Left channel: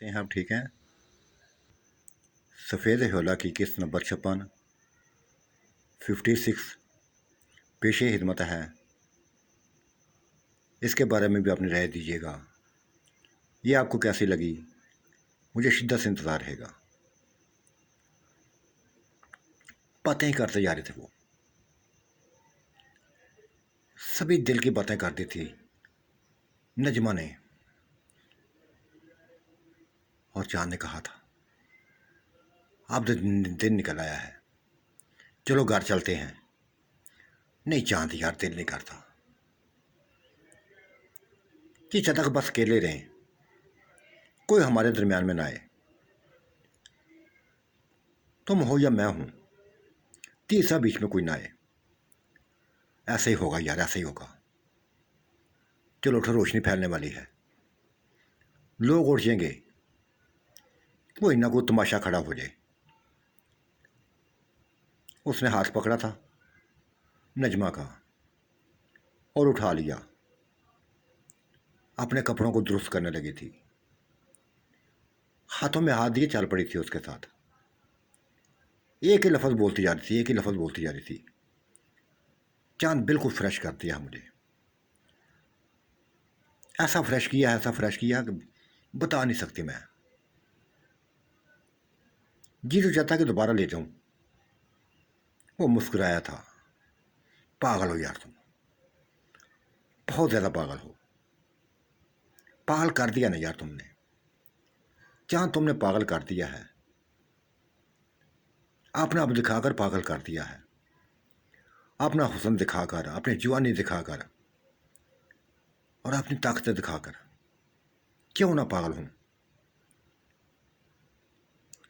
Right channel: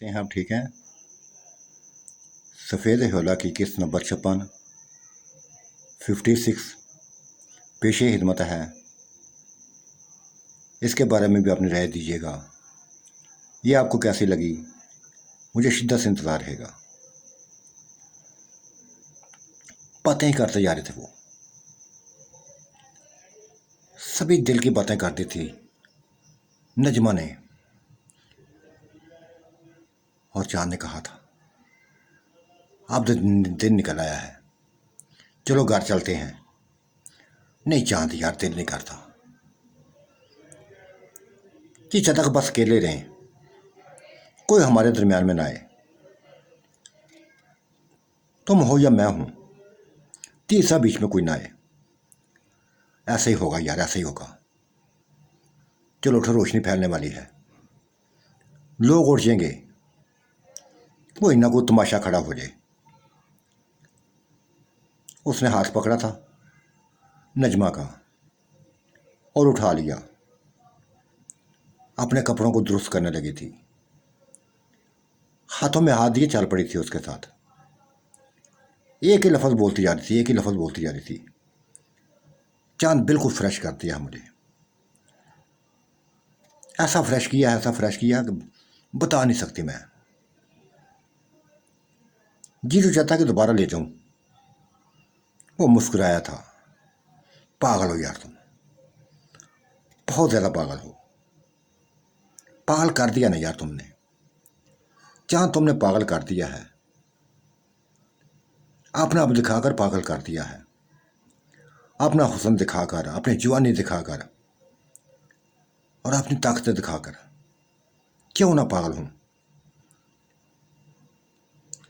हैं आप ठीक हैं। सफ़ेद होला की किस्त नंबर 56 पेशे हिदमत है। इसके बारे में भी अपनी राय दीजिएगा। ये आपको कैसी लगी, मुझे शिद्दत से इंतज़ार रहेगा। बातें ही करते जा रहे थे वो, सभी दिल की बातें करती थी नजमा ने। और चांद ने कहा था अब तो दिन निकल आया है, चलो घर चलते हैं। नहीं चांद यार, दिल नहीं करता। कि तक बस अकेले रहें, कोई हमारे दरमियान में ना आए। तुम हो या मैं हूं, तीसरा बीच में कोई ना आए। ऐसे ही होगा यार, ऐसे ही होगा। चलो उठो, रोशनी फैलने वाली है, लोग उठ जाएंगे, कोई ना कोई तमाशा खड़ा हो जाए। उसने हाथ पकड़ा था नजमा का और उठा लिया। अपने कपड़ों को दुरुस्त करने लगी थी, हाथों में हाथ दिए चल पड़ी थी उसके साथ। एक ही लफ्ज़ बोलती जा रही थी, एक ही लफ्ज़ बोलती जा रही थी। चांद बिल्कुल फ्रेश कर दिया मुझे, ऐसा फ्रेश किया, ऐसा फ्रेश किया कि बता नहीं सकती मैं। जी तो चाहता कि दोबारा ले जाऊं। वो मुस्कुराया था। पागल हो यार तुम, बहुत ज़्यादा पागल हो। पागल कर दिया ना यार तुमने, चांद तुमने पागल कर दिया है। अपना अब दिखाकर पागल कर दिया है, अपना हुस्न दिखाकर, अपनी जवानी दिखाकर और अपनी ताकत दिखाकर। क्यों ना पागल हूं।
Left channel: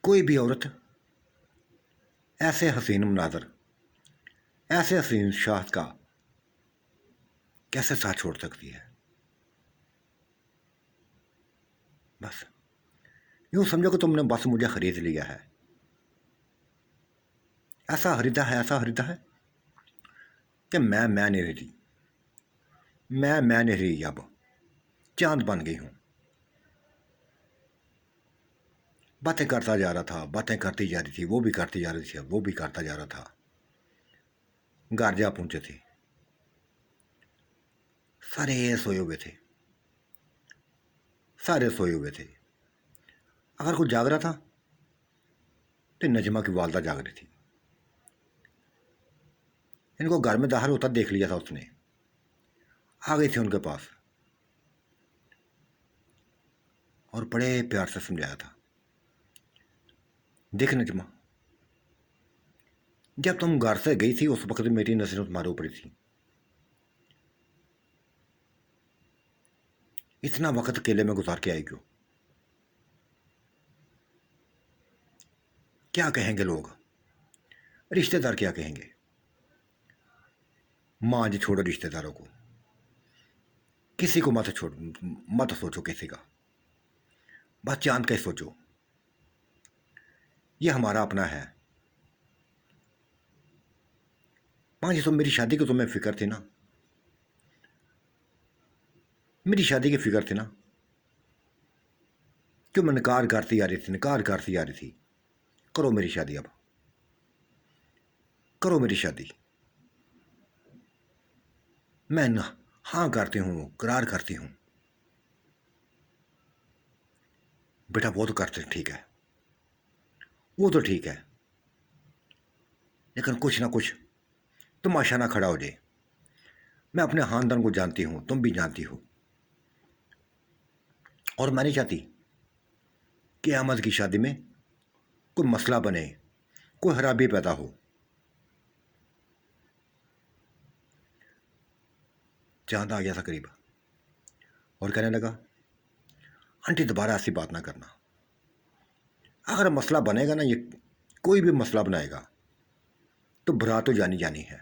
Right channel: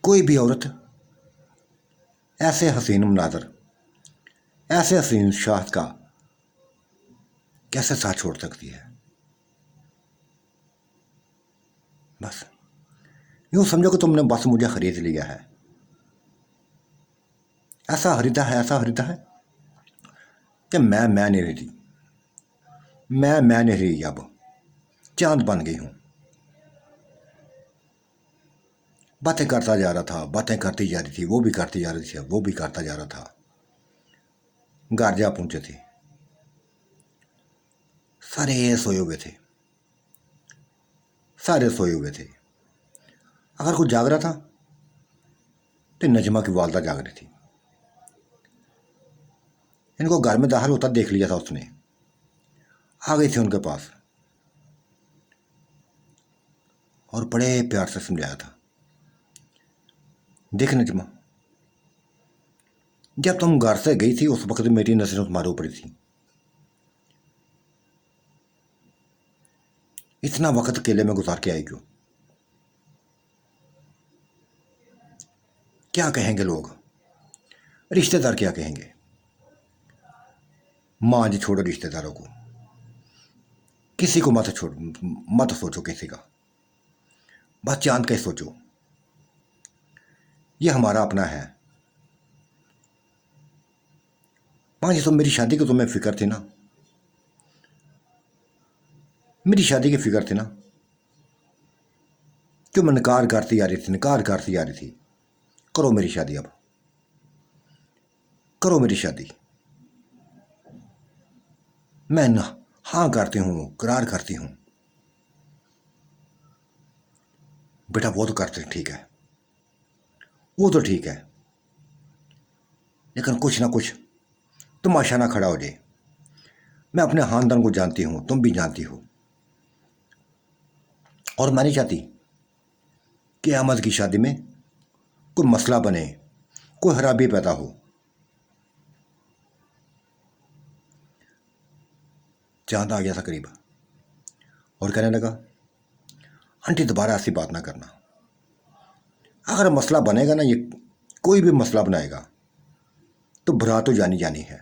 कोई भी औरत ऐसे हसीन मनाजर, ऐसे हसीन शाह का कैसे साथ छोड़ सकती है। बस यूं समझो कि तुमने बस मुझे खरीद लिया है। ऐसा खरीदा है, ऐसा खरीदा है कि मैं नहीं रही। मैं नहीं रही, अब चांद बन गई हूं। बातें करता जा रहा था, बातें करती जा रही थी, वो भी करती जा रही थी, वो भी करता जा रहा था। घर जा पहुंचे थे, सारे सोए हुए थे, सारे सोए हुए थे। अगर कोई जाग रहा था तो नजमा की वालदा जाग रही थी। इनको घर में दाखिल होता देख लिया था उसने, आ गई थी उनके पास और बड़े प्यार से समझाया था, देख नजमा, जब तुम घर से गई थी उस वक्त मेरी नजरें तुम्हारे ऊपर थी। इतना वक्त अकेले में गुजार के आई क्यों? क्या कहेंगे लोग, रिश्तेदार क्या कहेंगे? माँ जी छोड़ो रिश्तेदारों को, किसी को मत छोड़, मत सोचो किसी का, बस चांद का ही सोचो। ये हमारा अपना है। माँ जी, तो मेरी शादी की तुम्हें फिक्र थी ना, मेरी शादी की फिक्र थी ना, क्यों मैं नकार करती आ रही थी, नकार करती आ रही थी। करो मेरी शादी, अब करो मेरी शादी। मैं ना हाँ करती हूँ, करार करती हूँ। बेटा वो तो करते ठीक है, वो तो ठीक है, लेकिन कुछ ना कुछ तमाशा ना खड़ा हो जाए। मैं अपने खानदान को जानती हूँ, तुम भी जानती हो, और मैं नहीं चाहती कि अहमद की शादी में कोई मसला बने, कोई खराबी पैदा हो। चांद आ गया था करीब और कहने लगा, आंटी दोबारा ऐसी बात ना करना। अगर मसला बनेगा ना, ये कोई भी मसला बनाएगा तो बारात तो जानी जानी है,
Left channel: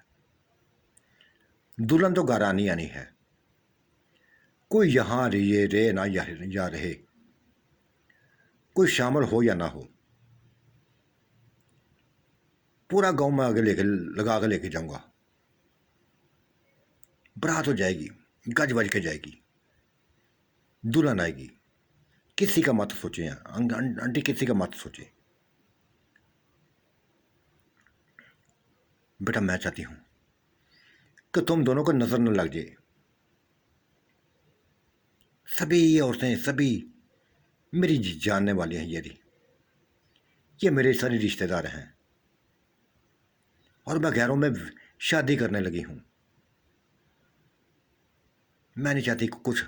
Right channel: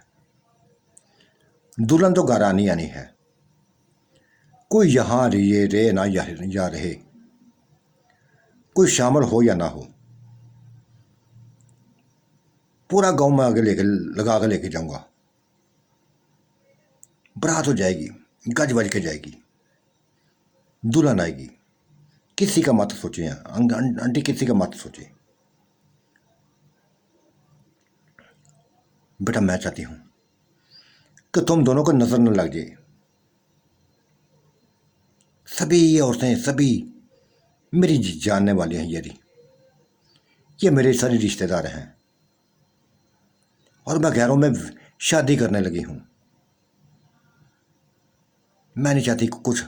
दुल्हन तो घर आनी आनी है। कोई यहाँ रे ना या रहे, कोई शामिल हो या ना हो, पूरा गांव में आगे लेके लगा के लेके जाऊंगा। बारात हो जाएगी, गज बज के जाएगी, दुल्हन आएगी, किसी का मत सोचिए आंटी, किसी का मत सोचिए। बेटा मैं चाहती हूँ कि तुम दोनों को नजर न लग जाए। सभी ये औरतें सभी मेरी जानने वाली हैं, ये मेरे सारे रिश्तेदार हैं और मैं गैरों में शादी करने लगी हूँ। मैं नहीं चाहती कि कुछ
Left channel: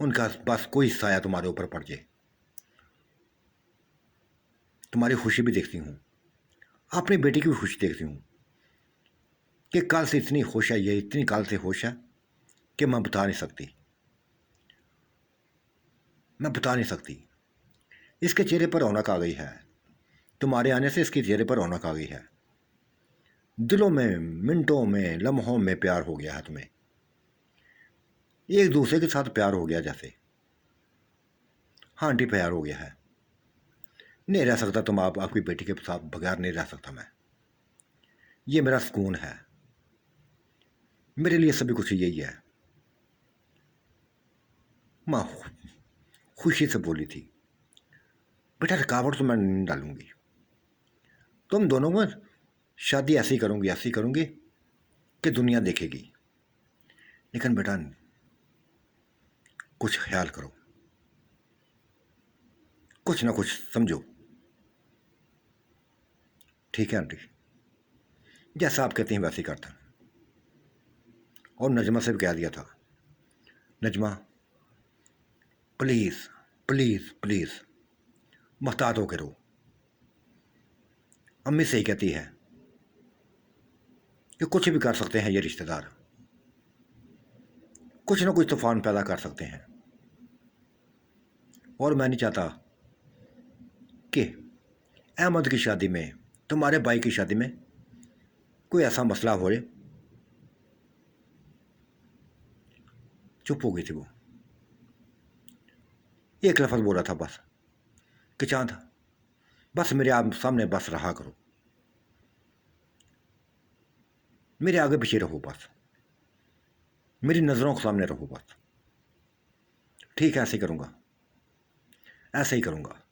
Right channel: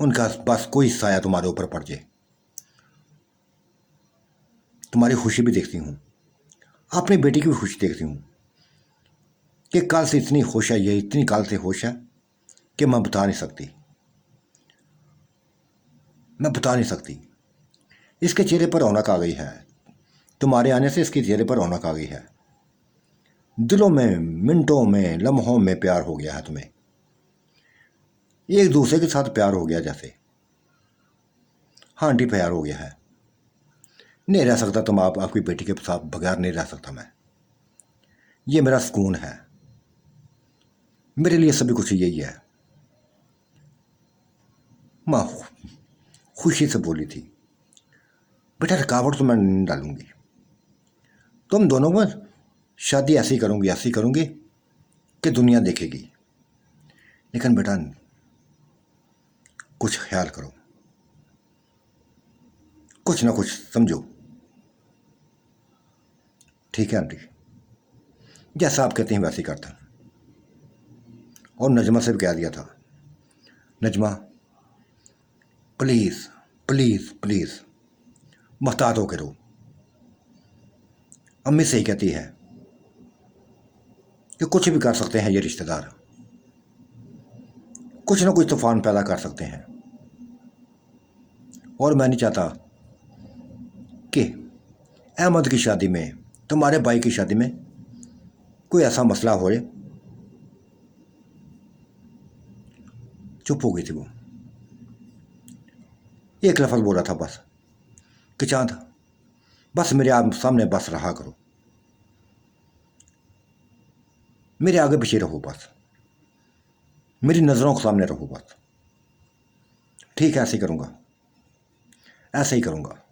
उनका बस कोई साया तुम्हारे ऊपर पड़ जाए। तुम्हारी खुशी भी देखती हूँ, अपनी बेटी की भी खुशी देखती हूँ कि कल से इतनी खुश है, ये इतनी कल से खुश है कि मैं बता नहीं सकती, मैं बता नहीं सकती। इसके चेहरे पर रौनक आ गई है, तुम्हारे आने से इसके चेहरे पर रौनक आ गई है। दिलों में, मिनटों में, लम्हों में प्यार हो गया है तुम्हें, एक दूसरे के साथ प्यार हो गया जैसे। हाँ आंटी, प्यार हो गया है। नहीं रह सकता तुम आपकी बेटी के साथ बगैर नहीं रह सकता मैं। ये मेरा सुकून है, मेरे लिए सभी कुछ यही है। माँ खुशी से बोली थी, बेटा रुकावट तो मैं नहीं डालूंगी, तुम दोनों में शादी ऐसी करूंगी कि दुनिया देखेगी। लेकिन बेटा कुछ ख्याल करो, कुछ ना कुछ समझो। ठीक है आंटी, जैसा आप कहते हैं वैसे ही करता। और नजमा से भी कह दिया था, नजमा प्लीज़ प्लीज़ प्लीज़ मोहतात होकर रहो। अम्मी सही कहती है कि कुछ भी कर सकते हैं ये रिश्तेदार, कुछ ना कुछ तूफान पैदा कर सकते हैं। और मैं नहीं चाहता कि अहमद की शादी में, तुम्हारे भाई की शादी में कोई ऐसा मसला हो। चुप हो गई थी वो, एक लफ्ज़ बोला था बस कि चांद बस मेरे आप सामने बस रहा करो, मेरे आगे पीछे रहो, बस मेरी नज़रों के सामने रहो बस। ठीक है, ऐसे ही करूँगा, ऐसे ही करूँगा।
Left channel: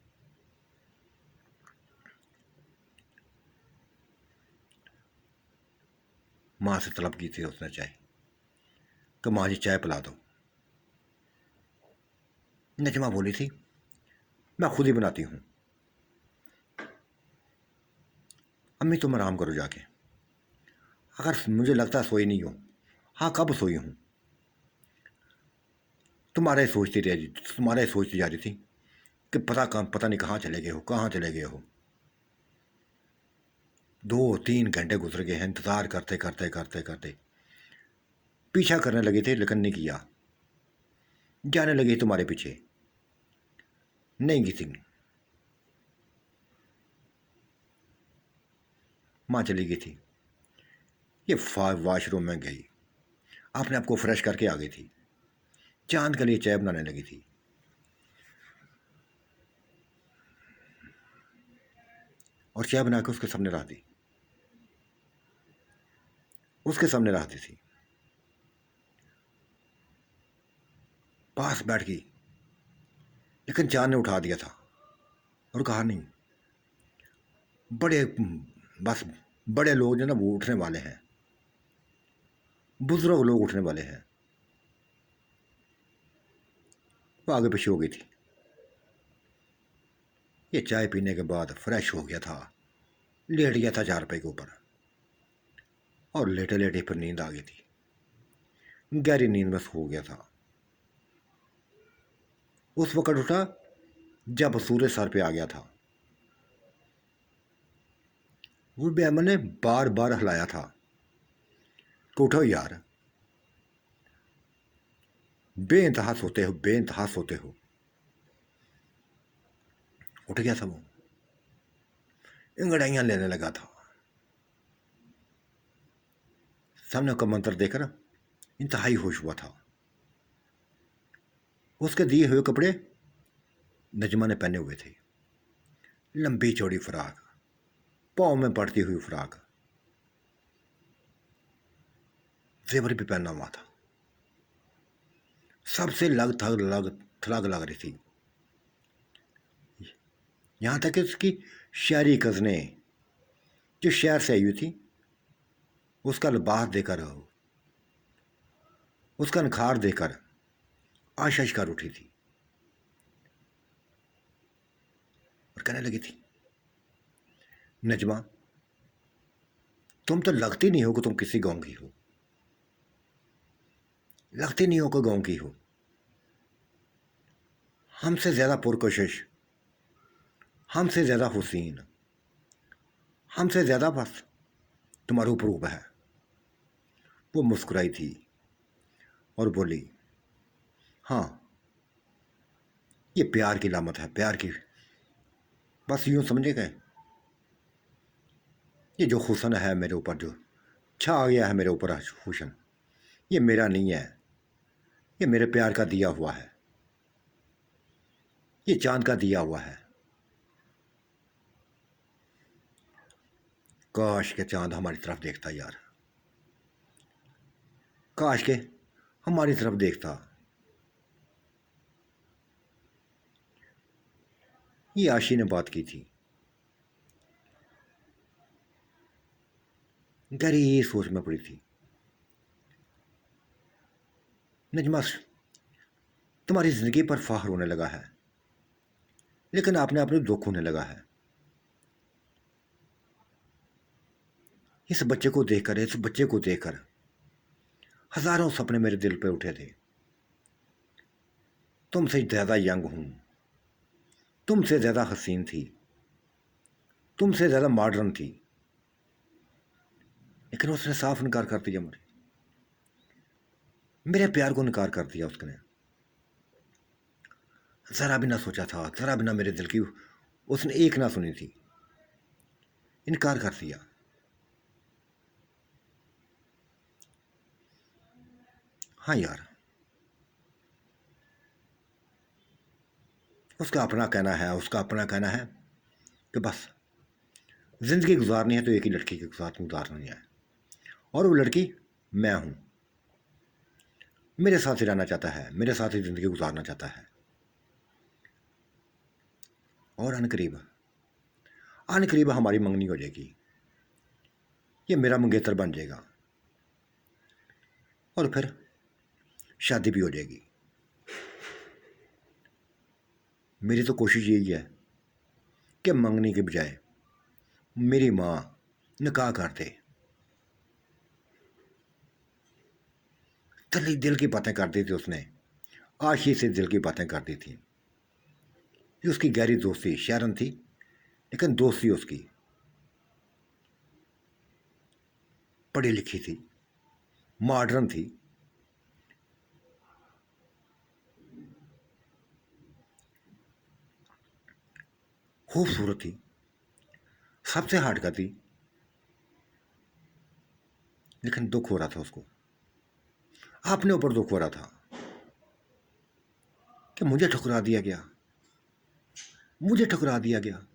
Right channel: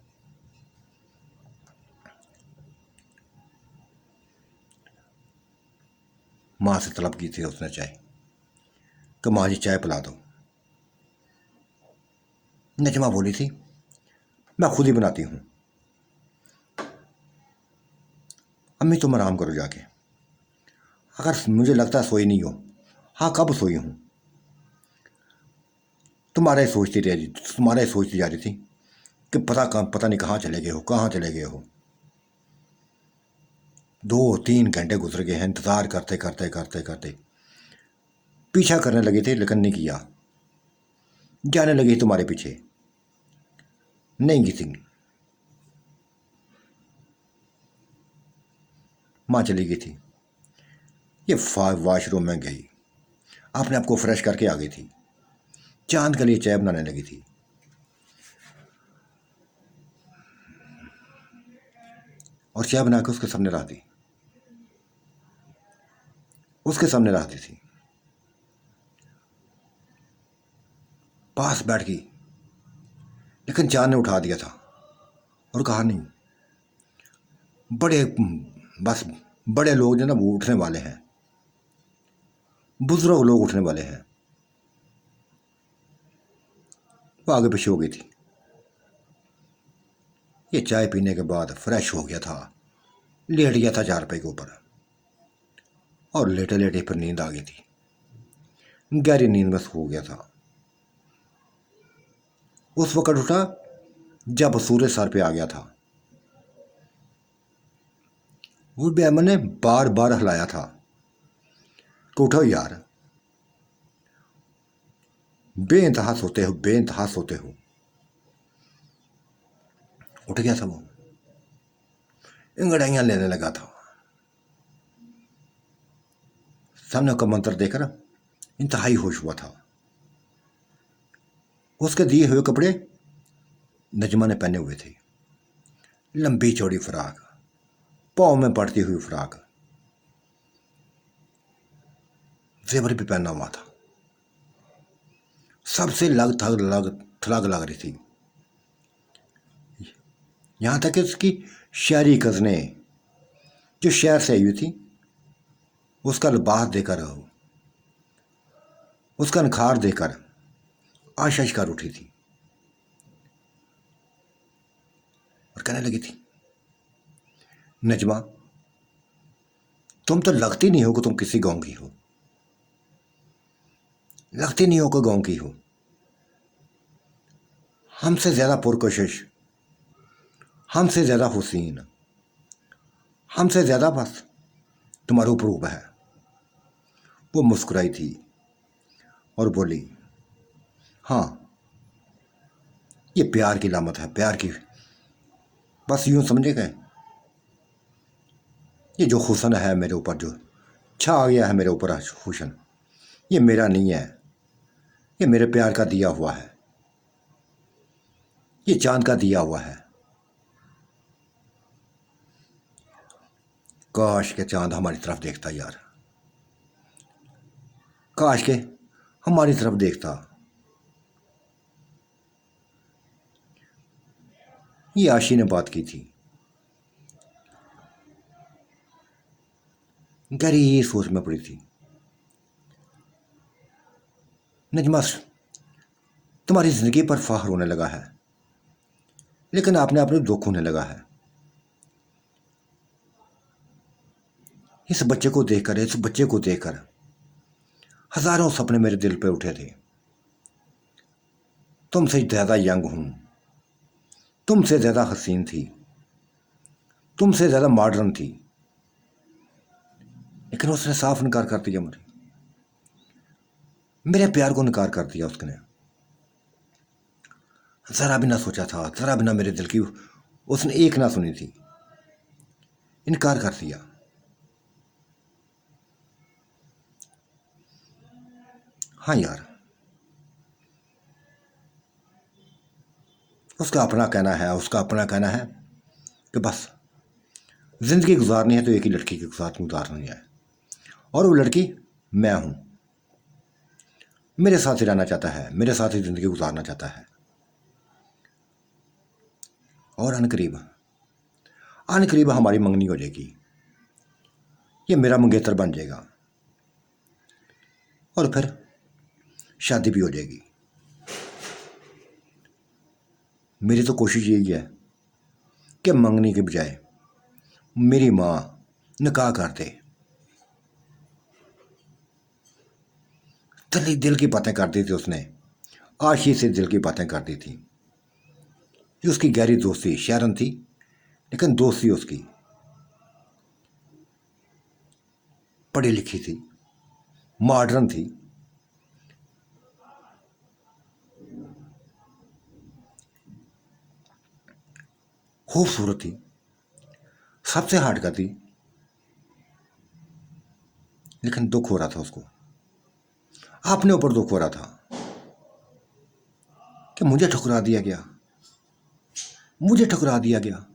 माँ से तलब की थी उसने चाय कि माँ जी चाय पिला दो। नजमा बोली थी मैं खुद ही बनाती हूँ। अम्मी तुम आराम करो जाके, अगर मुझे लगता सोई नहीं हो। हाँ कब सोई हूँ, तुम्हारा ही सोचती जा रही थी कि पता नहीं कहाँ चले गए हो, कहाँ चले गए हो। 2-3 घंटे गुजर गए हैं इंतज़ार करते करते करते करते। पीछा करने लगे थे लेकिन नहीं किया, जाने लगी तुम्हारे पीछे, नहीं घिसी। माँ चली गई थी, ये वॉशरूम में गई, अपने आप को फ्रेश करके आ गई थी, चांद के लिए चाय बनाने लगी थी। और चाय बना के उसके सामने रख दी, उसके सामने रख दी थी। पास बैठ गई, लेकिन चांद ने उठा दिया था और कहा नहीं, बस बड़े लोग जो ना वो उठने वाले हैं, बुजुर्ग लोग उठने वाले हैं। वो आगे पीछे हो गई थी। ये चाय पीने के बाद फ्रेश हो गया था, लेट गया था चारपाई के ऊपर और लेटे लेटे फिर नींद आ गई थी, गहरी नींद में सो गया था। उस वक्त उठा जब सूरज सर पे आ गया था। उस बेअमन ने बार बार हिलाया था कि उठो यार, बेइंतहा सोते हो, बेइंतहा सोते हो। उठ गया था वो, इंगड़ाइयाँ लेने लगा था। सामने का मंत्र देकर इंतहाई होश हुआ था। उसके दिए हुए कपड़े नजमा ने पहने हुए थे, लंबी चौड़ी फ्राक, पाँव में पड़ती हुई फ्राक, जेवर भी पहना हुआ था। सबसे लग थलाग लग रही थी। यहाँ तक कि उसकी शहरी कज़नें जो शहर से आई हुई थी उसका लिबास देकर, उसका नखार देकर आशीष कर उठी थी और कहने लगी थी, नजमा तुम तो लगती नहीं हो कि तुम किसी गांव की हो, लगती नहीं हो कि गांव की हो। हमसे ज़्यादा पुरकशिश, हमसे ज़्यादा हुसीन, हमसे ज़्यादा बस तुम्हारा रूप है। वो मुस्कुराई थी और बोली, हाँ ये प्यार की लामत है, प्यार की। बस यूं समझे गए, ये जो हुसन है मेरे ऊपर, जो छा गया है मेरे ऊपर हुसन, ये मेरा नहीं है, ये मेरे प्यार का दिया हुआ है, ये चांद का दिया हुआ है। काश के चांद हमारी तरफ देखता यार, काश के हमारी तरफ देखता। ये आशी ने बात की थी। गहरी सोच में पड़ी थी। नजमा तुम्हारी जिंदगी पर फख्र होने लगा है, लेकिन आपने अपने दुख होने लगा है। इस बच्चे को देखकर, इस बच्चे को देखकर हजारों सपने मेरे दिल पे उठे थे। तुमसे ज्यादा यंग हूं, तुमसे ज्यादा हसीन थी, तुमसे ज्यादा मॉडर्न थी, लेकिन उसने साफ इनकार कर दिया मुझे, मेरे प्यार को इनकार कर दिया उसने। जरा भी ना सोचा था, जरा भी ना मेरे दिल की उसने एक ना सुनी थी, इनकार कर दिया। हाँ यार, उसका अपना कहना है, उसका अपना कहना है कि बस जिंदगी गुजारनी है तो एक ही लड़की के साथ गुजारनी है, और वो लड़की मैं हूं। मेरे साथ ही रहना चाहता है, मेरे साथ ही जिंदगी गुजारना चाहता है। और अनकरीब अनकरीब हमारी मंगनी हो जाएगी, ये मेरा मंगेतर बन जाएगा और फिर शादी भी हो जाएगी। मेरी तो कोशिश यही है कि मंगनी के बजाय मेरी माँ निकाह कर दे। दिल की बातें कर दी थी उसने, आशी से दिल की बातें कर दी थी। ये उसकी गहरी दोस्ती, शहरन थी लेकिन दोस्ती उसकी पढ़ी लिखी थी, मॉडर्न थी, खूबसूरत थी, सबसे हार्ड का थी, लेकिन दुख हो रहा था उसको, अपने ऊपर दुख हो रहा था कि मुझे ठुकरा दिया गया, मुझे ठुकरा दिया गया।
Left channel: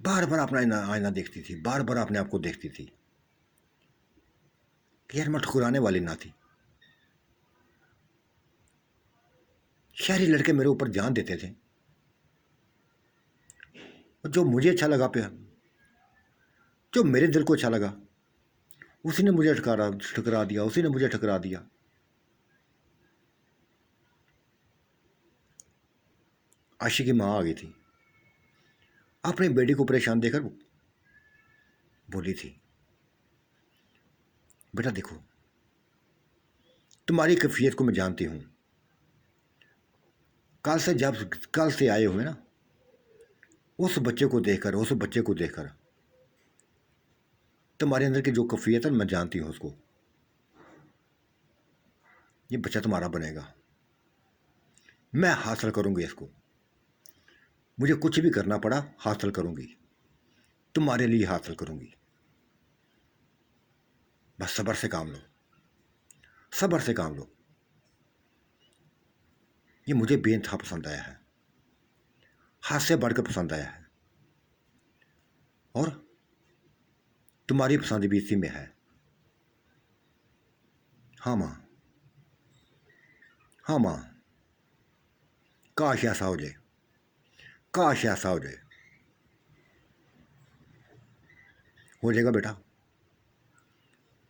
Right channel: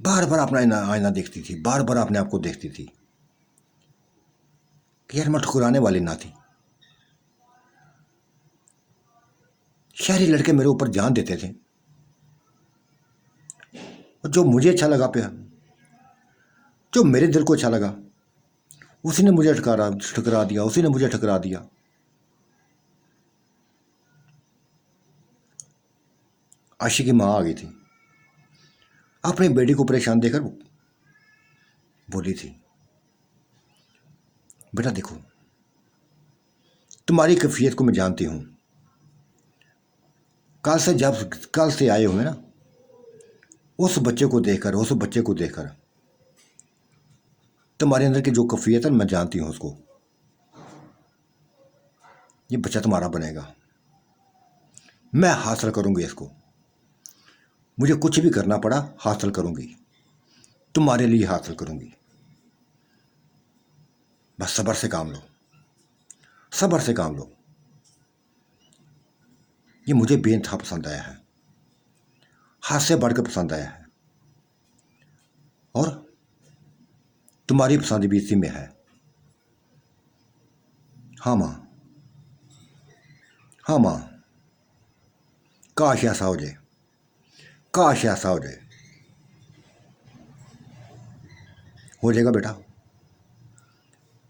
बार बार अपना आईना देखती थी, बार बार अपने आप को देखती थी कि यार मैं ठुकराने वाली ना थी। शहरी लड़के मेरे ऊपर जान देते थे, और जो मुझे अच्छा लगा प्यार, जो मेरे दिल को अच्छा लगा, उसी ने मुझे ठुकरा दिया, उसी ने मुझे ठुकरा दिया। आशी की माँ आ गई थी, अपनी बेटी को परेशान देखकर बोली थी, बेटा देखो, तुम्हारी कैफियत को मैं जानती हूं, कल से आए हुए ना, उस बच्चे को देखकर, उस बच्चे को देखकर तुम्हारे अंदर की जो कैफियत है मैं जानती हूं उसको। ये बच्चा तुम्हारा बनेगा, मैं हासिल करूंगी इसको, मुझे कुछ भी करना पड़ा हासिल करूंगी, तुम्हारे लिए हासिल करूंगी। बस सब्र से काम लो, सब्र से काम लो। ये मुझे बेइंतहा पसंद आया है, हाथ से बढ़कर पसंद आया है, और तुम्हारी पसंद भी इसी में है। हाँ माँ, हाँ माँ, काश ऐसा हो जाए, काश ऐसा हो जाए। हो जाएगा बेटा,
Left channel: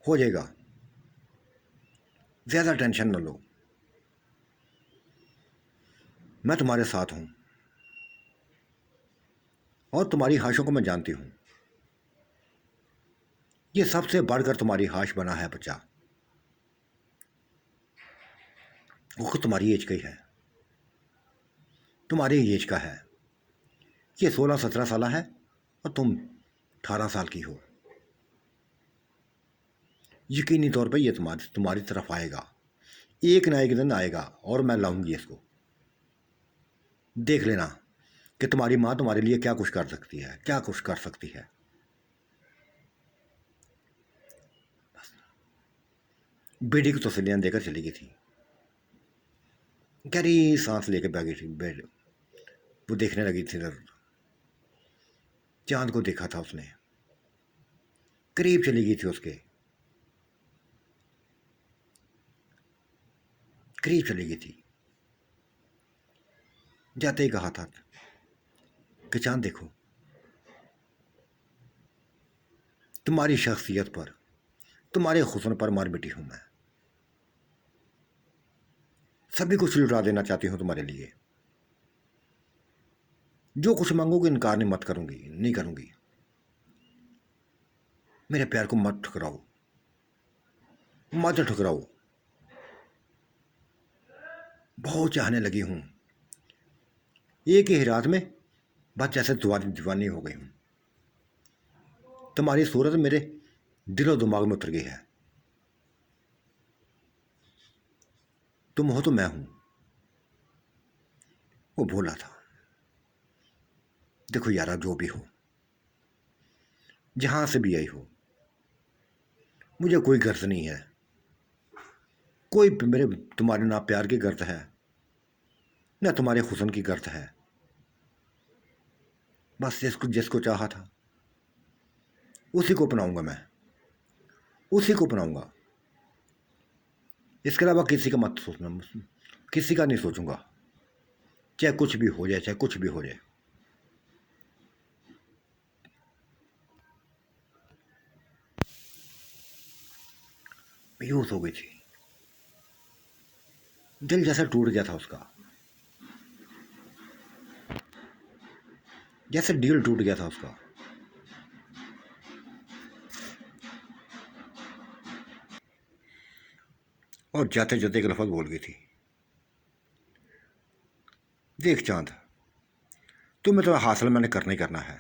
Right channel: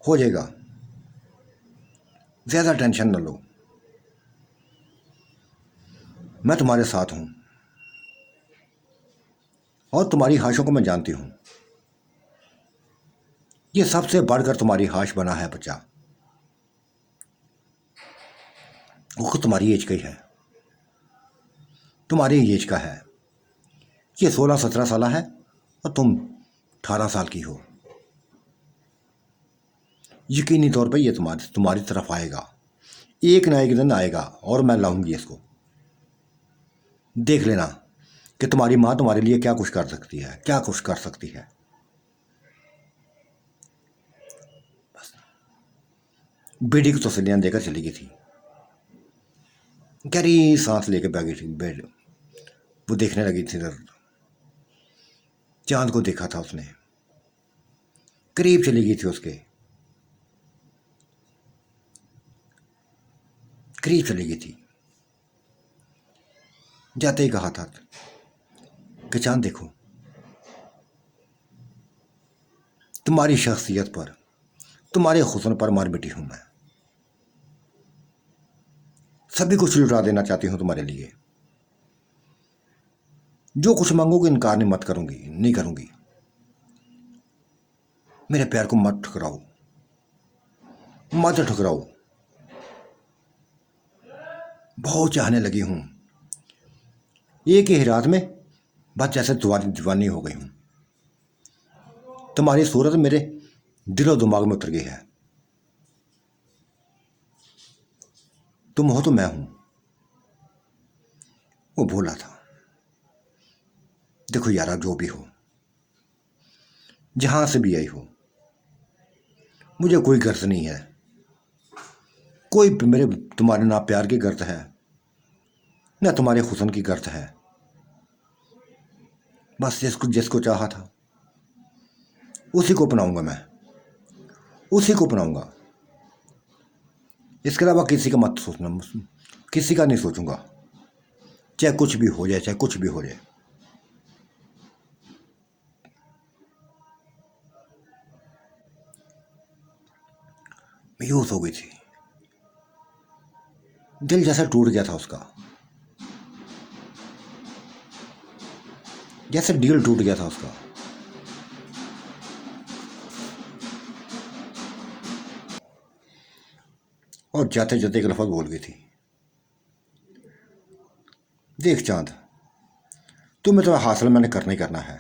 हो जाएगा। ज़्यादा टेंशन न लो, मैं तुम्हारे साथ हूं और तुम्हारी ख्वाहिशों को मैं जानती हूं। ये सबसे बढ़कर तुम्हारी ख्वाहिश बना है बच्चा, वो खुद तुम्हारी एज का ही है, तुम्हारी एज का है। ये 16-17 साल है और तुम 18 साल की हो। यकीनी तौर पे ये तुम्हारी तुम्हारी तरफ आएगा, एक ना एक दिन आएगा और मैं लाऊंगी इसको। देख लेना कि तुम्हारी माँ तुम्हारे लिए क्या कुछ कर सकती है, क्या कुछ कर सकती है। बेटी को तसल्लियां देकर चली गई थी, गहरी सांस लेकर बैठी थी बेड। वो देखने लगी थी इधर, चांद को देखा था उसने, करीब चली गई थी उसके, करीब चली गई थी। जाते ही कहा था कि चांद देखो, तुम्हारी शख्सियत पर, तुम्हारे हुस्न पर मार बेटी हूं मैं। सभी कुछ लुटा देना चाहती हूं तुम्हारे लिए। जो कुछ मांगोगे इनकार नहीं मत करूंगी, नहीं करूंगी। मेरे प्यार को मत ठुकराओ, मत ठुकराओ। बहुत चाहने लगी हूं, एक ही रात में बस जैसे दीवानी हो गई हूं। तुम्हारी सूरत मेरे दिलो दिमाग में उतर गई है। तुम हो तो मैं हूं। वो भूला था। देखो यारा, जो भी हो, जहां से भी आई हो, मुझे कोई गर्ज नहीं है, कोई मेरे तुम्हारे ना प्यार की गर्ज है ना तुम्हारे हुस्न की गर्ज है। बस जिसको जिसको चाहा था उसी को अपनाऊंगा मैं, उसी को अपनाऊंगा। इसके अलावा किसी का मत सोचना, किसी का नहीं सोचूंगा, चाहे कुछ भी हो जाए, चाहे कुछ भी हो जाए। बेहोश हो गई थी, दिल जैसा टूट गया था उसका, जैसे दिल टूट गया था उसका। और जाते जाते एक लफ्ज़ बोल गई थी, देख चांद, तुम्हें तो हासिल मैंने करना ही करना है,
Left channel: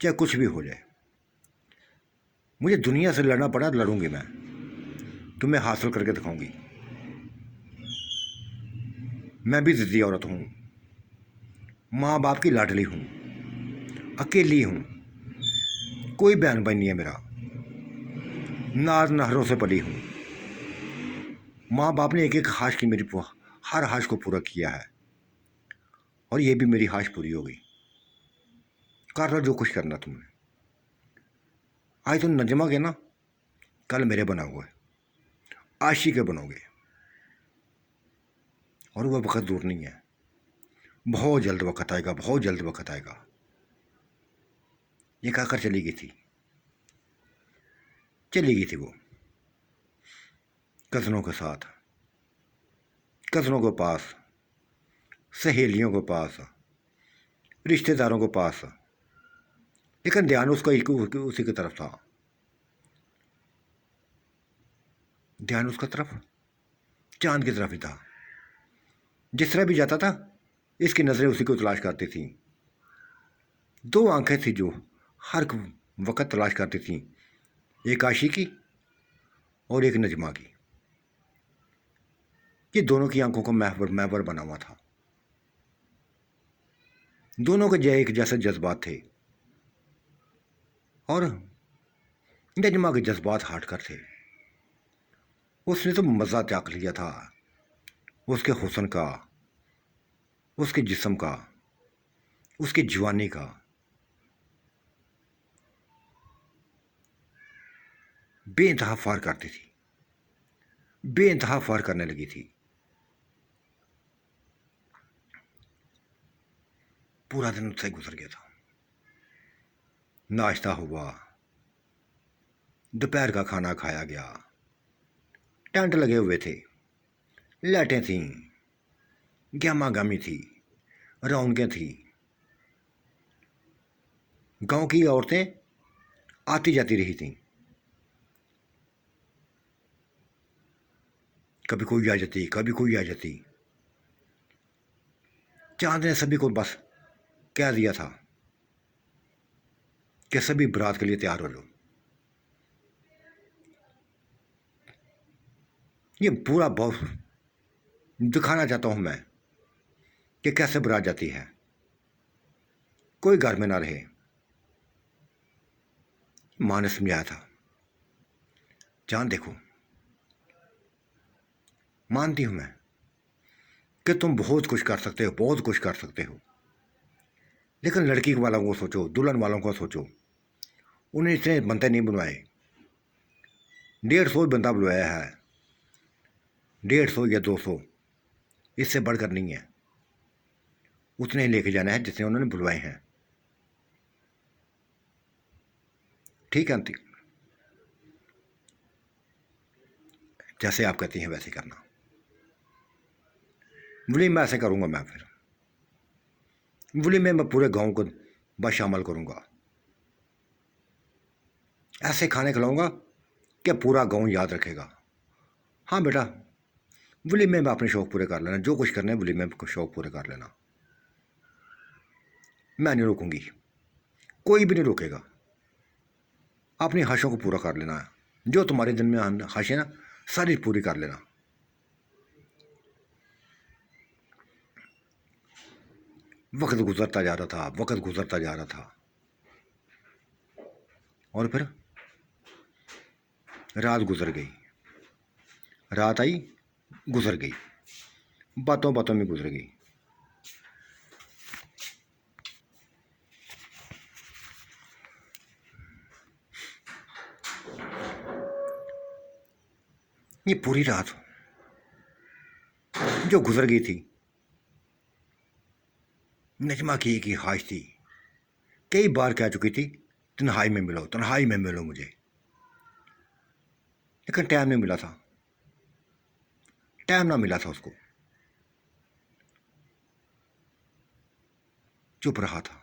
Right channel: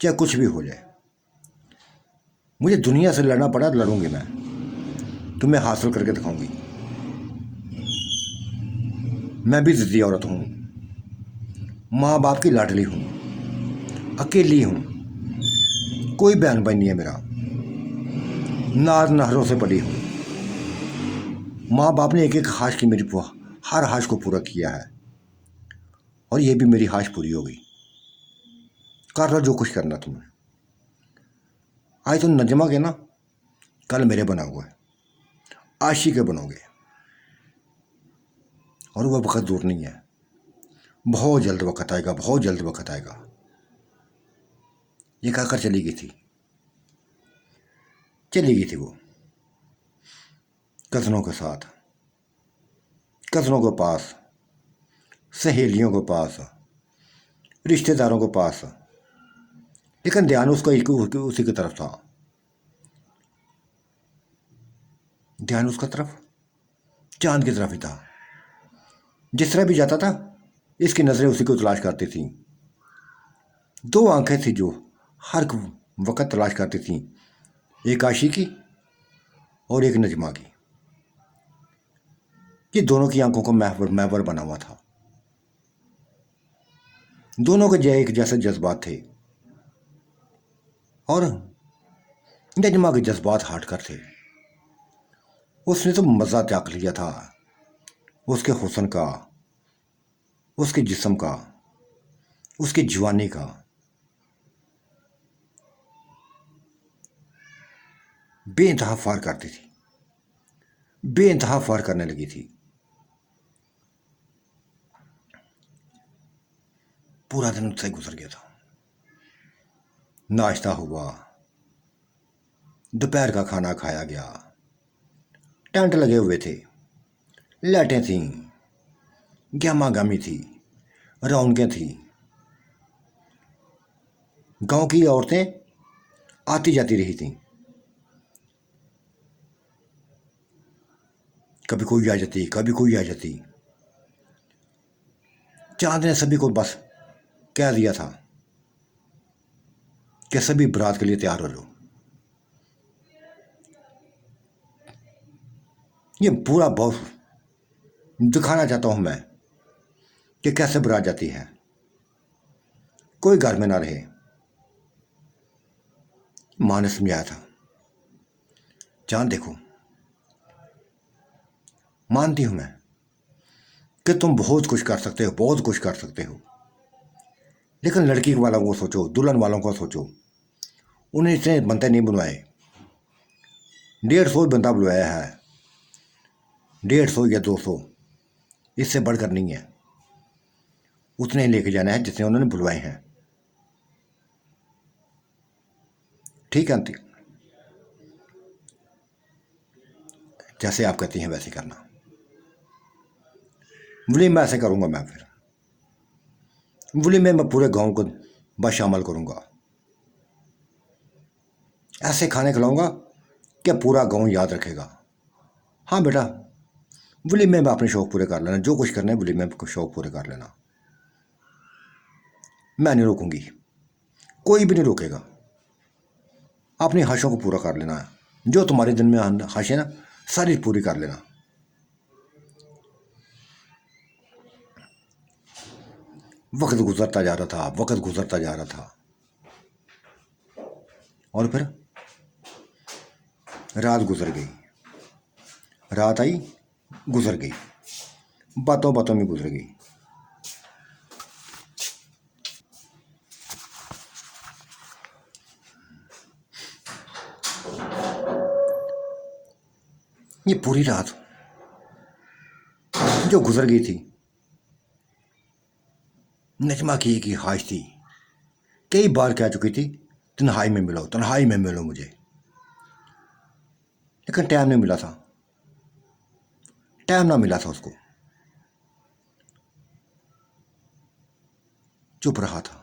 चाहे कुछ भी हो जाए। मुझे दुनिया से लड़ना पड़ा लड़ूंगी मैं, तुम्हें हासिल करके दिखाऊंगी। मैं भी जिद्दी औरत हूँ, माँ बाप की लाडली हूँ, अकेली हूँ, कोई बहन भाई नहीं है मेरा, नाज नहरों से पली हूँ। माँ बाप ने एक एक ख्वाहिश की मेरी हर ख्वाहिश को पूरा किया है और ये भी मेरी ख्वाहिश पूरी हो गई। कर लो जो कुछ करना तुम्हें। आज तुम नजमा के ना, कल मेरे बना हुआ है, आशी के बनोगे और वह वक्त दूर नहीं है, बहुत जल्द वक्त आएगा, बहुत जल्द वक्त आएगा। ये कहकर चली गई थी, चली गई थी वो कज़नों के साथ, कज़नों के पास, सहेलियों के पास, रिश्तेदारों के पास। लेकिन ध्यान उसका एक उसी की तरफ था, ध्यान उसका तरफ, चांद की तरफ ही था। जिस तरह भी जाता था, इसकी नज़रें उसी को तलाश करती थीं। दो आंखें थी जो हर वक्त तलाश करती थीं, एक आशी की और एक नजमा की। ये दोनों की आंखों का महवर बना हुआ था, दोनों के एक जैसे जज्बात थे और नजमा के जज्बात हटकर थे। उसने तो मज़ा त्याग लिया था उसके हुस्न का, उसके जिस्म का, उसकी जवानी का। बेइंतहा फार करती थी, बेइंतहा फार करने लगी थी। पूरा दिन उससे गुजर गया था। नाश्ता हुआ, दोपहर का खाना खाया गया, टेंट लगे हुए थे, लाइटें थीं, गहमा गहमी थी, रौनकें थी। गांव की औरतें आती जाती रही थीं, कभी कोई आ जाती, कभी कोई आ जाती। चांद ने सभी को बस कह दिया था कि सभी बारात के लिए तैयार हो लो। ये पूरा बहुत दिखाना चाहता हूं मैं कि कैसे बारात जाती है। कोई घर में ना रहे। माँ ने समझाया था, चांद देखो, मानती हूं मैं कि तुम बहुत कुछ कर सकते हो, बहुत कुछ कर सकते हो, लेकिन लड़की वालों को सोचो, दुल्हन वालों को सोचो। उन्हें इतने बंदे नहीं बुलवाए, 150 बंदा बुलवाया है, 150 या 200, इससे बढ़कर नहीं है। उतने ही लेके जाना है जितने उन्होंने बुलवाए हैं। ठीक है आंटी, जैसे आप कहती हैं वैसे करना। वली में ऐसे करूंगा। मैं फिर वली में मैं पूरे गांव को बस शामिल करूंगा। ऐसे खाने खिलाऊंगा कि पूरा गांव याद रखेगा। हाँ बेटा, वली में अपने शौक पूरे कर लेना, जो कुछ करना है वली में शौक पूरे कर लेना। मैं नहीं रोकूंगी, कोई भी नहीं रोकेगा। अपनी ख्वाहिशों को पूरा कर लेना, जो तुम्हारे दिन में ख्वाहिशें ना सारी पूरी कर लेना। वक्त गुजरता जा रहा था, वक्त गुजरता जा रहा था, और फिर रात गुजर गई। रात आई, गुजर गई, बातों बातों में गुजर गई। ये पूरी रात जो गुजर गई थी, नजमा की एक ही ख्वाहिश थी, कई बार कह चुकी थी, तन्हाई में मिलो, तन्हाई में मिलो मुझे, लेकिन टाइम नहीं मिला था। टाइम ना मिला था उसको। चुप रहा था,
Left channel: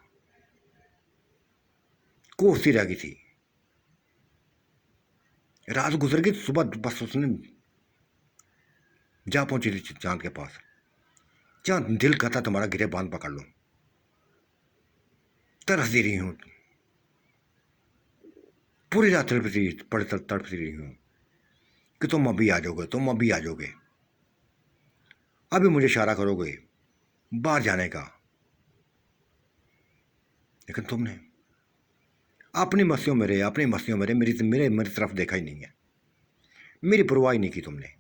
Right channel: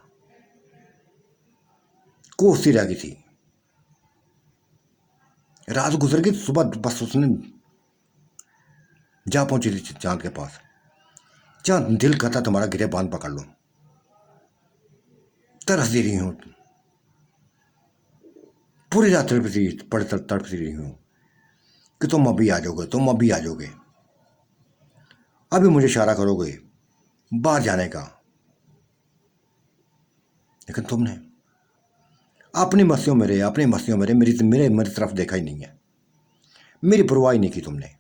कोसती रह गई थी। रात गुजर गई, सुबह बस उसने जा पहुंची थी चांद के पास। चांद, दिल कहता तुम्हारा गिरे बांध पकड़ लो, तरस दे रही हूं, पूरी रात तड़पती रही हूं कि तुम अभी आ जाओगे, तुम अभी आ जाओगे, अभी मुझे इशारा करोगे बाहर जाने का। लेकिन तुमने अपनी मस्तियों में रहे, अपनी मस्तियों में रहे, मेरी तरफ देखा ही नहीं है, मेरी परवाह ही नहीं की तुमने।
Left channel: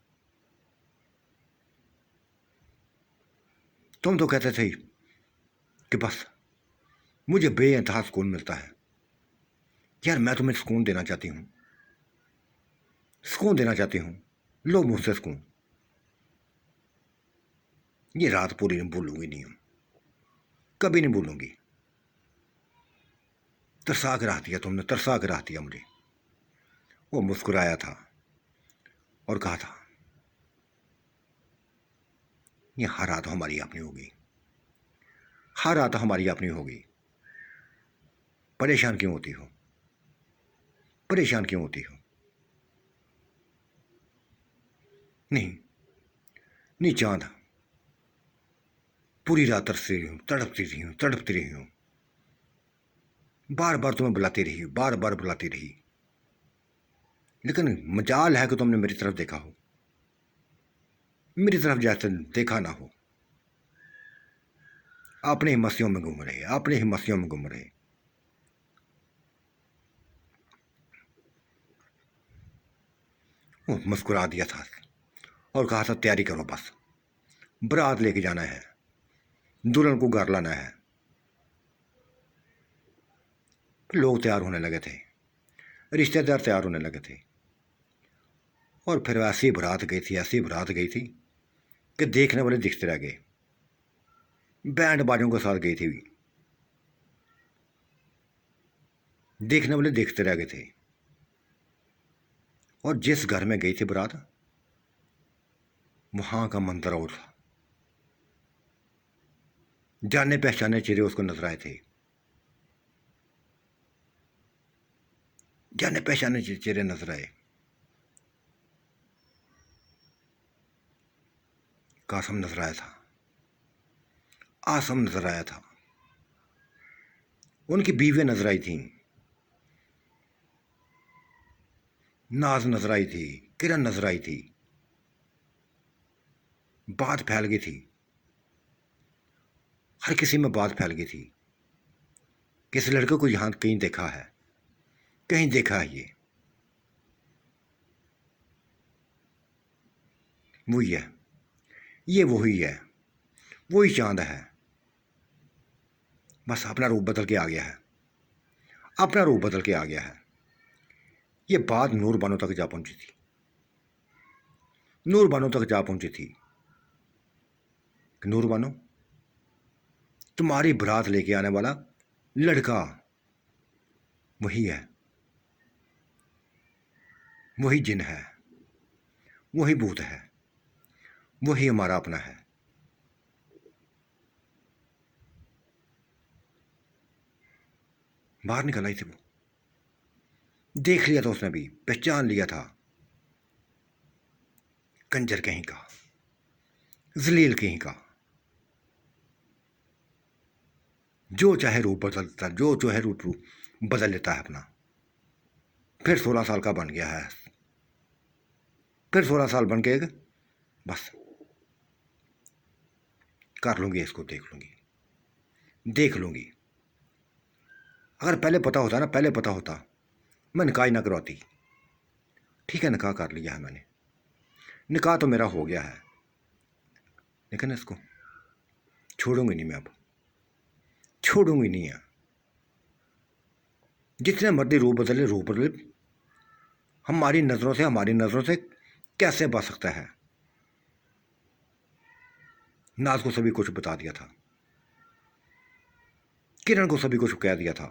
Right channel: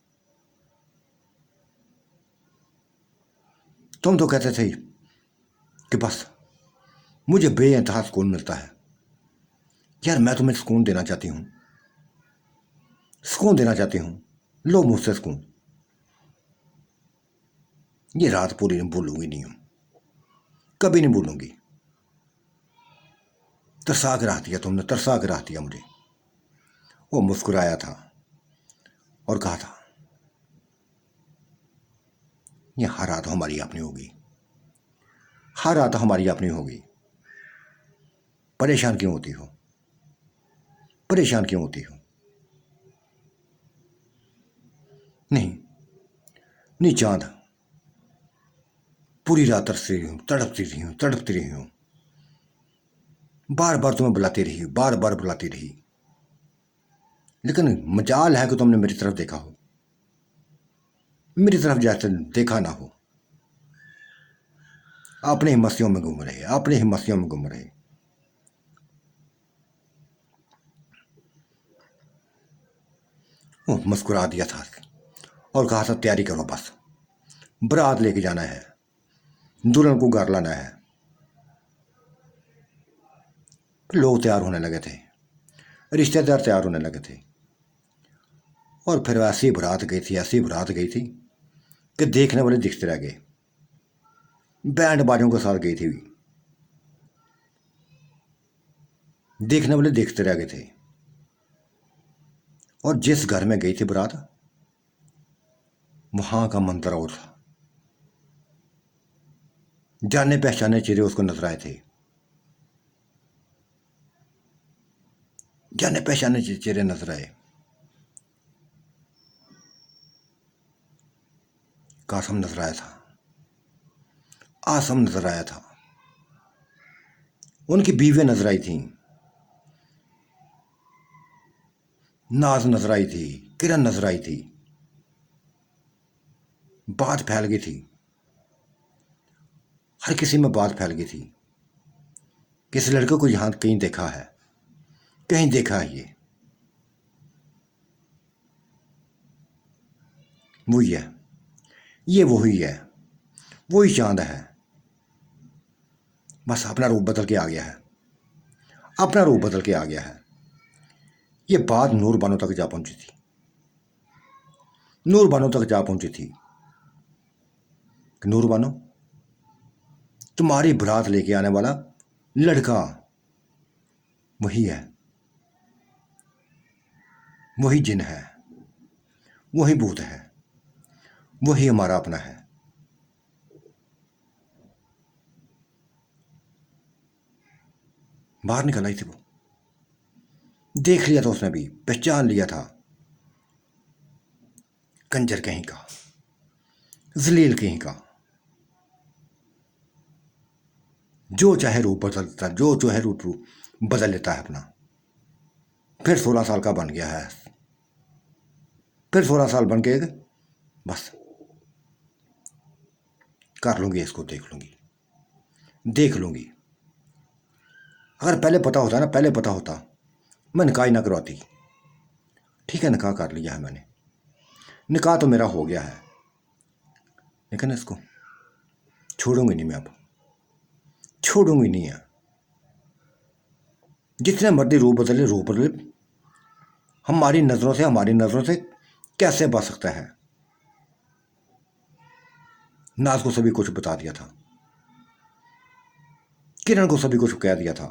तुम तो कहते थे कि बस मुझे बेइंतहा सुकून मिलता है। यार, मैं तुम्हें सुकून देना चाहती हूं, सुकून देना चाहती हूं, लो मुझसे सुकून। ये रात पूरी नहीं भूलूंगी, नहीं हूं, कभी नहीं भूलूंगी। तरसा के रख दिया तुमने, तरसा के रख दिया मुझे। वो मुस्कुराया था और कहा था, ये हर रात हमारी अपनी होगी, हर रात हमारी अपनी होगी। परेशान क्यों होती हो, परेशान क्यों होती हो? नहीं नहीं चांद, पूरी रात तरसती रही हूं, तड़पती रही हूं, तड़पती रही हूं, बार बार तुम्हें बुलाती रही, बार बार बुलाती रही, लेकिन मजाल है कि तुमने मेरी तरफ देखा हो, मेरी तरफ जैसे देखा ना हो। अपने ही मस्तियों में घूम रहे, अपने ही मस्तियों में घूम रहे। वो मुस्कुरा दिया था और कहा था, तैयारी करो, बस बारात लेके जाना है, दुल्हन को घर लाना है। लोग तैयार होने लगे थे, रिश्तेदार तैयार होने लगे थे, और फिर ऐसी बारात गई थी, ऐसी बारात गई थी कि देखने वाले दिखते रह गए। बैंड बाजों के साथ गई थी, देखने वाले देखते रह गए थे। और जिस घर में गई थी बारात, वहां का मंजर और था। जाने पहचाने चेहरे उसको नजर आए थे, जाने पहचाने चेहरे नजर आए। कासम नजर आया था, आसम नजर आया था, उनकी बीवियां नजर आई थी, नाज नजर आई थी, किरण नजर आई थी। बात फैल गई थी, हर किसी में बात फैल गई थी कि इस लड़के को यहां कहीं देखा है, कहीं देखा है। वही है, ये वही है, वही चांद है। बस अपना रूप बदल के आ गया है, अपना रूप बदल के आ गया है। ये बात नूर बानो तक जा पहुंची थी, नूर बानो तक जा पहुंची थी कि नूर बानो, तुम्हारी बारात लेके आने वाला लड़का वही है, वही जिन है, वही भूत है, वही हमारा अपना है। बाहर निकल आई थी वो, देख लिया था उसने भी, पहचान लिया था। कंजर कहीं का, जलील कहीं का, जो चाहे रूप बदलता, जो चाहे रूप बदल लेता है अपना। फिर 16 साल का बन गया है, फिर 16 साल बन के बस कर लूंगी इसको, देख लूंगी, देख लूंगी। अगर पहले पता होता ना, पहले पता होता, मैं निकाह ही ना करवाती। ठीक है, निकाह कर लिया है मैंने, निकाह तो मेरा हो गया है, लेकिन इसको छोड़ूंगी नहीं मैं, अब छोड़ूंगी नहीं है। जितने मर्जी रूप बदले, रूप बदले, हमारी नजरों से कैसे बच सकता है। नाज को सभी कुछ बता दिया था, किरण को सभी कुछ कह दिया था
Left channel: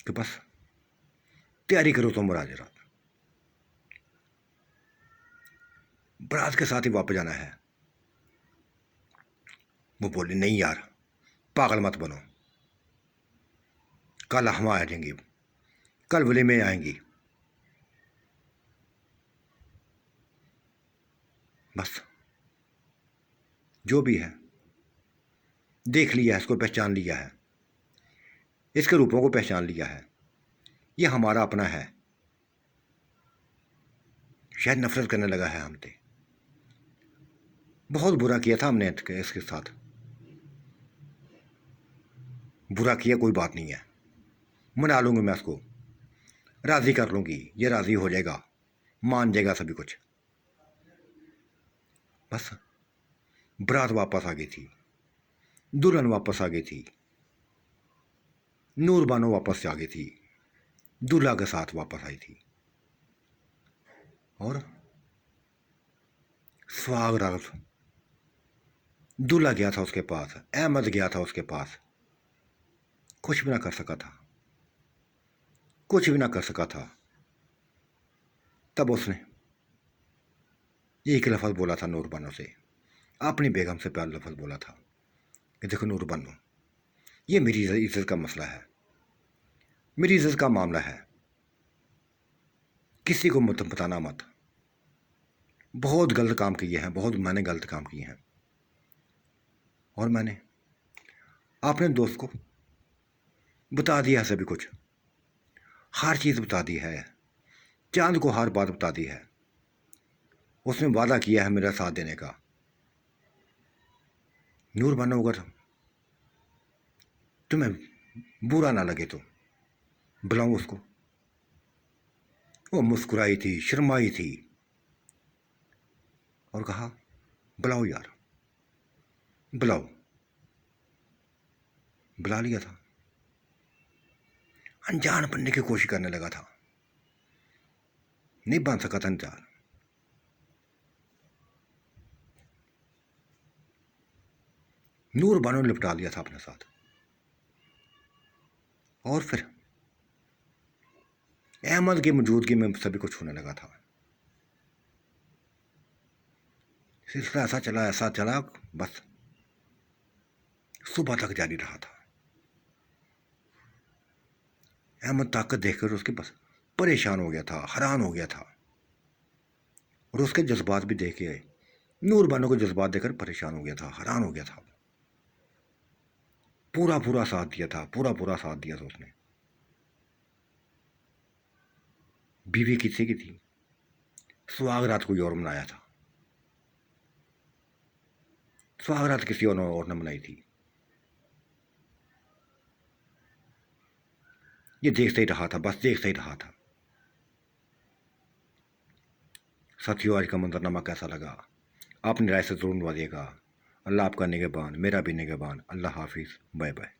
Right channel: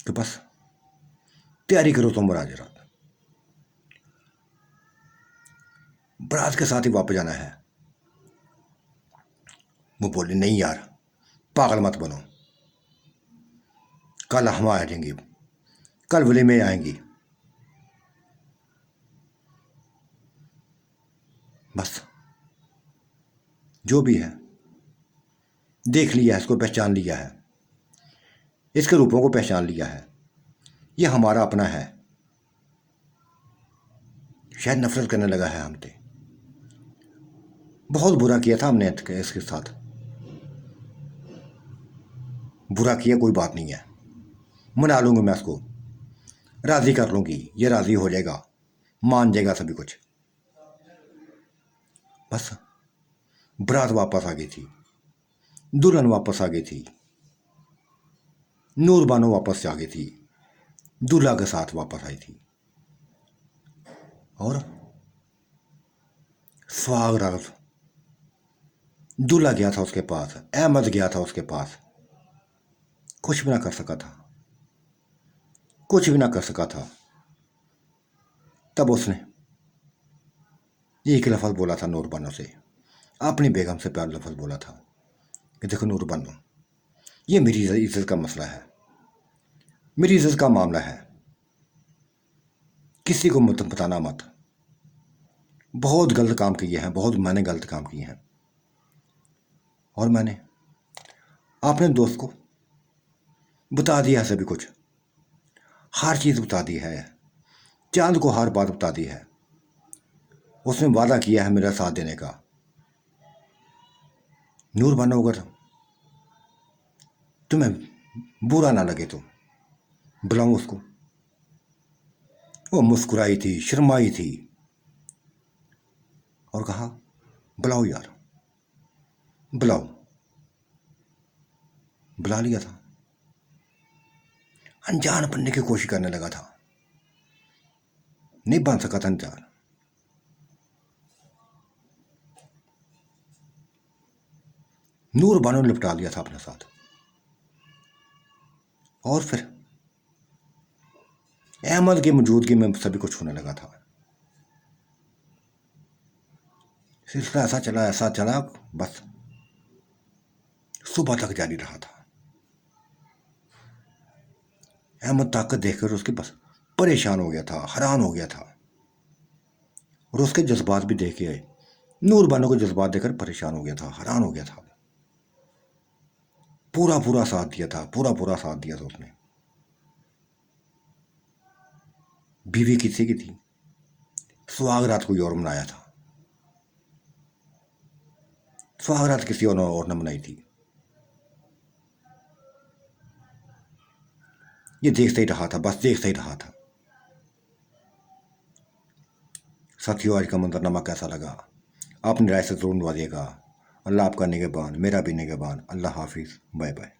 कि बस तैयारी करो तुम आज रात, बारात के साथ ही वापस जाना है। वो बोली नहीं यार, पागल मत बनो, कल हम आ जाएंगी, कल वलीमे आएंगी। बस जो भी है, देख लिया है, इसको पहचान लिया है, इसके रूपों को पहचान लिया है, ये हमारा अपना है। शायद नफरत करने लगा है हमसे, बहुत बुरा किया था हमने इसके साथ, बुरा किया, कोई बात नहीं है, मना लूंगी मैं इसको, राजी कर लूंगी, ये राजी हो जाएगा, मान जाएगा सभी कुछ। बस बारात वापस आ गई थी, दुल्हन वापस आ गई थी, नूर बानो वापस आ गई थी, दूल्हा के साथ वापस आई थी। और सुहाग रात दूल्हा गया था उसके पास, अहमद गया था उसके पास, कुछ भी ना कर सका था, कुछ भी ना कर सका था। तब उसने एक लफज बोला था नूर बानो से, अपनी बेगम से प्यार लफज बोला था कि देखो नूर बानो, ये मेरी इज्जत का मसला है, मेरी इज्जत का मामला है, किसी को मत बताना मत। बहुत गलत काम किए हैं, बहुत मैंने गलत काम किए हैं, और मैंने अपने दोस्त को बता दिया है सभी कुछ, हर चीज़ बता दी है, चांद को हर बात बता दी है। उसने वादा किया है मेरा साथ देने का। नूर बानो, अगर तुम्हें बुरा ना लगे तो बुलाऊं उसको। वो मुस्कुराई थी, शर्माई थी, और कहा बुलाओ यार, बुलाओ। बुला लिया था, अनजान बनने की कोशिश करने लगा था, नहीं बन सका था अनजान। नूर बानो ने लिपटा लिया था अपने साथ, और फिर अहमद की मौजूदगी में सभी कुछ होने लगा था। सिलसिला ऐसा चला, बस सुबह तक जारी रहा था। अहमद ताकत देखकर उसके बस परेशान हो गया था, हैरान हो गया था, और उसके जज्बात भी देख के आए। नूर बानो के जज्बात देखकर परेशान हो गया था, हैरान हो गया था। पूरा पूरा साथ दिया था, पूरा साथ दिया था उसने। बीवी किसी की थी, सुहागरात कोई और मनाया था, सुहागरात किसी और ने मनाई थी। ये देखता ही रहा था, बस देखता ही रहा था। साथियों, आज का मंजरनामा कैसा लगा? अपनी राय से जरूर नवाजिएगा। अल्लाह आपका निगहबान, मेरा भी निगहबान। अल्लाह हाफिज़, बाय बाय।